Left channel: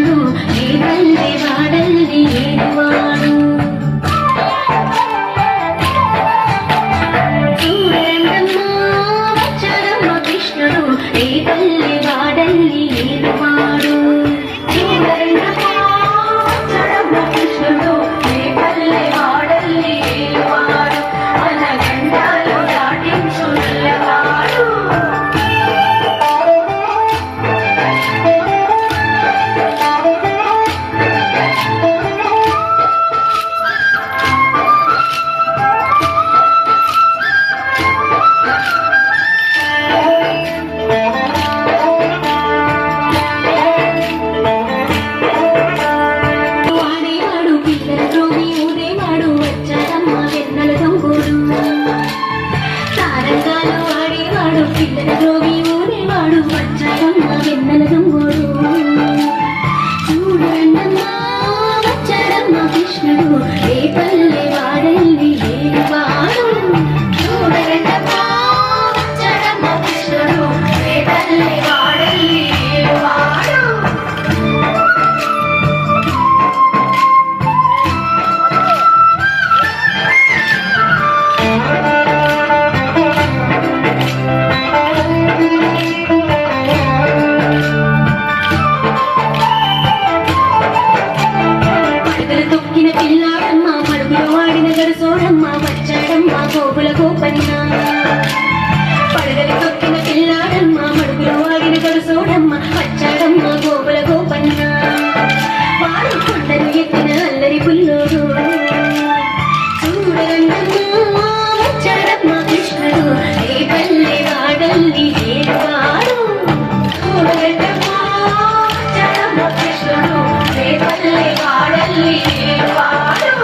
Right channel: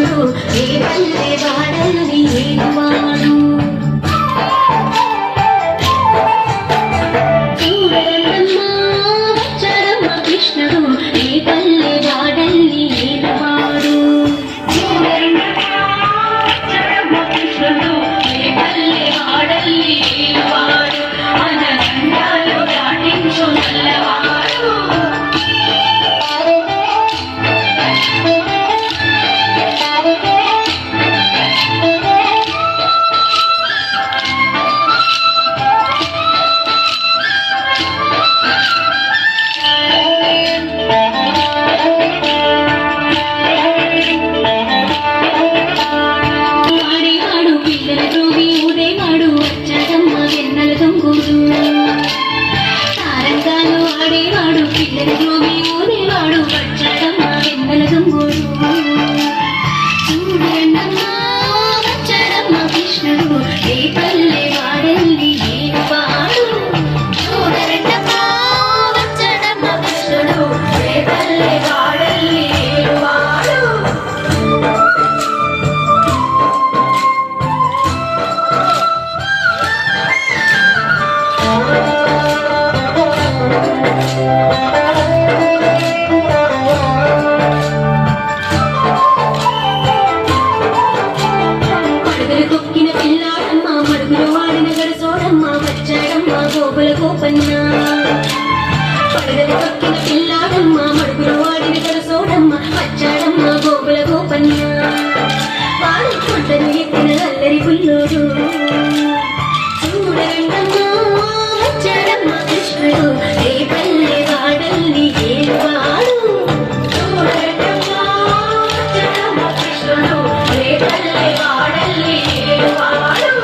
కృష్ణుడు ఏ పల్లె వాడల్ని ఏడువాడు చూడరమ్మా వచ్చాడమ్మ కృష్ణుడు ఏ పల్లె వాడల్ని ఏడువాడు చూడరమ్మా వచ్చాడమ్మ కృష్ణుడు ఏ పల్లె వాడల్ని ఏడువాడు మన గండాలు దాటించు నల్లవాడు తారంగాలు ఆడేవాడు పిల్లల గోవి ఊదేవాడు వచ్చాడమ్మ వెన్నెల దొంగోడు చూడన్నమ్మా వచ్చాడమ్మ కృష్ణుడు ఏ పల్లె వాడల్ని ఏడువాడు చూడన్నమ్మా వచ్చాడమ్మ కృష్ణుడు ఏ పల్లె వాడల్ని ఏడువాడు తొక్కిన పిల్లాడమ్మ మడుగులు వాడిన గడుసోడమ్మ వచ్చాడమ్మ గోకుల గోపన్న పడగలి తొక్కిన పిల్లాడమ్మ మడుగులు వాడిన గడుసోడమ్మ వచ్చాడమ్మ గోకుల గోపన్న వాడు కొండలు ఎక్కిన అల్లరి పుల్లోడు చూడరండమ్మా వచ్చాడమ్మ కృష్ణుడు ఏ పల్లె వాడల్ని ఏడువాడు చూడరండమ్మా వచ్చాడమ్మ కృష్ణుడు ఏ పల్లె వాడల్ని ఏడువాడు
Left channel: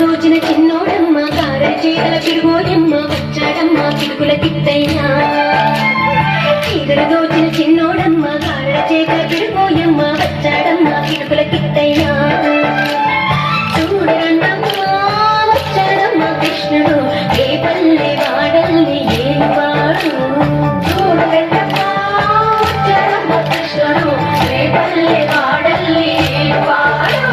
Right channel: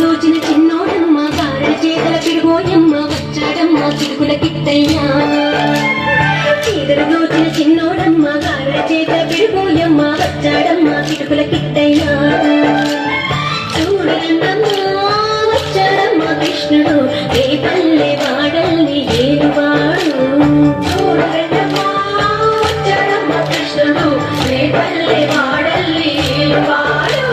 దోచిన చిన్నోడమ్మ కారల చేతుల పిడుగోయమ్మ వచ్చాడమ్మ పిడుగుల కిట్టయ్యా చీదర దోచిన చిన్నోడమ్మ కారల చేతుల పిడుగోయమ్మ వచ్చాడమ్మ పిడుగుల కిట్టయ్యా చూడరన్నమ్మా వచ్చాడమ్మ కృష్ణుడు ఏ పల్లె వాడల్ని ఏడువాడు చూడరన్నమ్మా వచ్చాడమ్మ కృష్ణుడు ఏ పల్లె వాడల్ని ఏడువాడు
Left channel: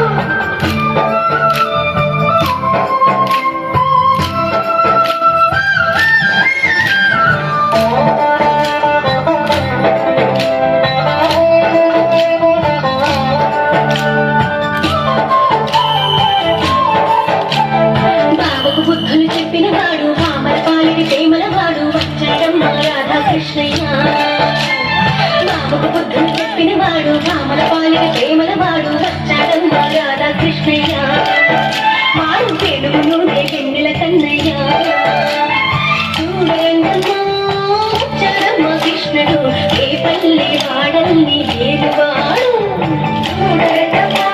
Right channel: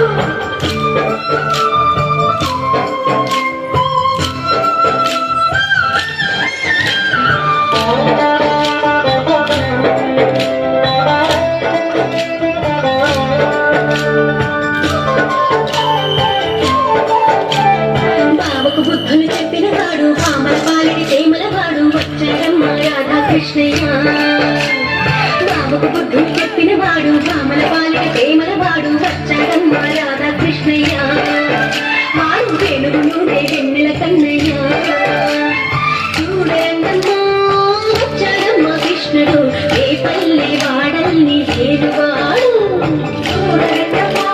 బుద్ధులు చెప్పిన వాడు పామల పాలిడి ప్రేమల వాడు వచ్చాడమ్మ రాధాకృష్ణయ్య బాబుకు బుద్ధులు చెప్పిన వాడు పామల పాలిడి ప్రేమల వాడు వచ్చాడమ్మ రాధాకృష్ణయ్య వాడు వెలుగును వెన్నెల కన్నయ్య చూడమ్మా వచ్చాడమ్మ కృష్ణుడు ఏ పల్లె వాడల్ని ఏడువాడు చూడమ్మా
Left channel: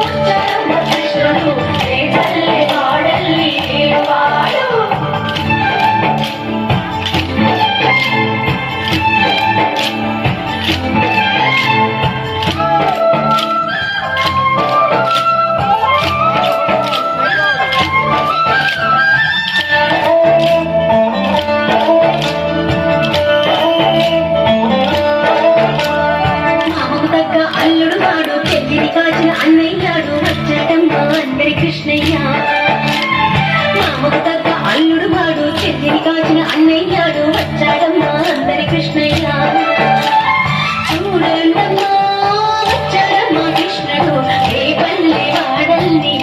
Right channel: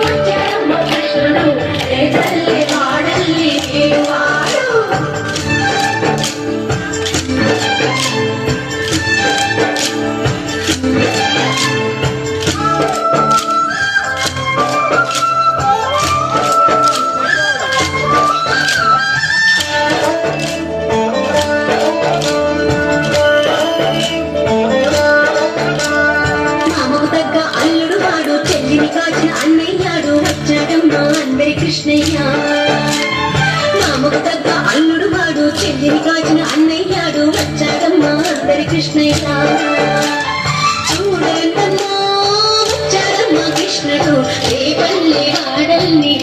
వచ్చాడమ్మ కృష్ణుడు ఏ పల్లె వాడల్ని ఏడువాడు కాచిన అన్నయ్యాడు వచ్చాడమ్మ అందరి కృష్ణయ్య మామకు తగ్గ అల్లుడు వాడు చెల్లిని కాచిన అన్నయ్యాడు వచ్చాడమ్మ అందరి కృష్ణయ్య చూడన్నమ్మా వచ్చాడమ్మ కృష్ణుడు ఏ పల్లె వాడల్ని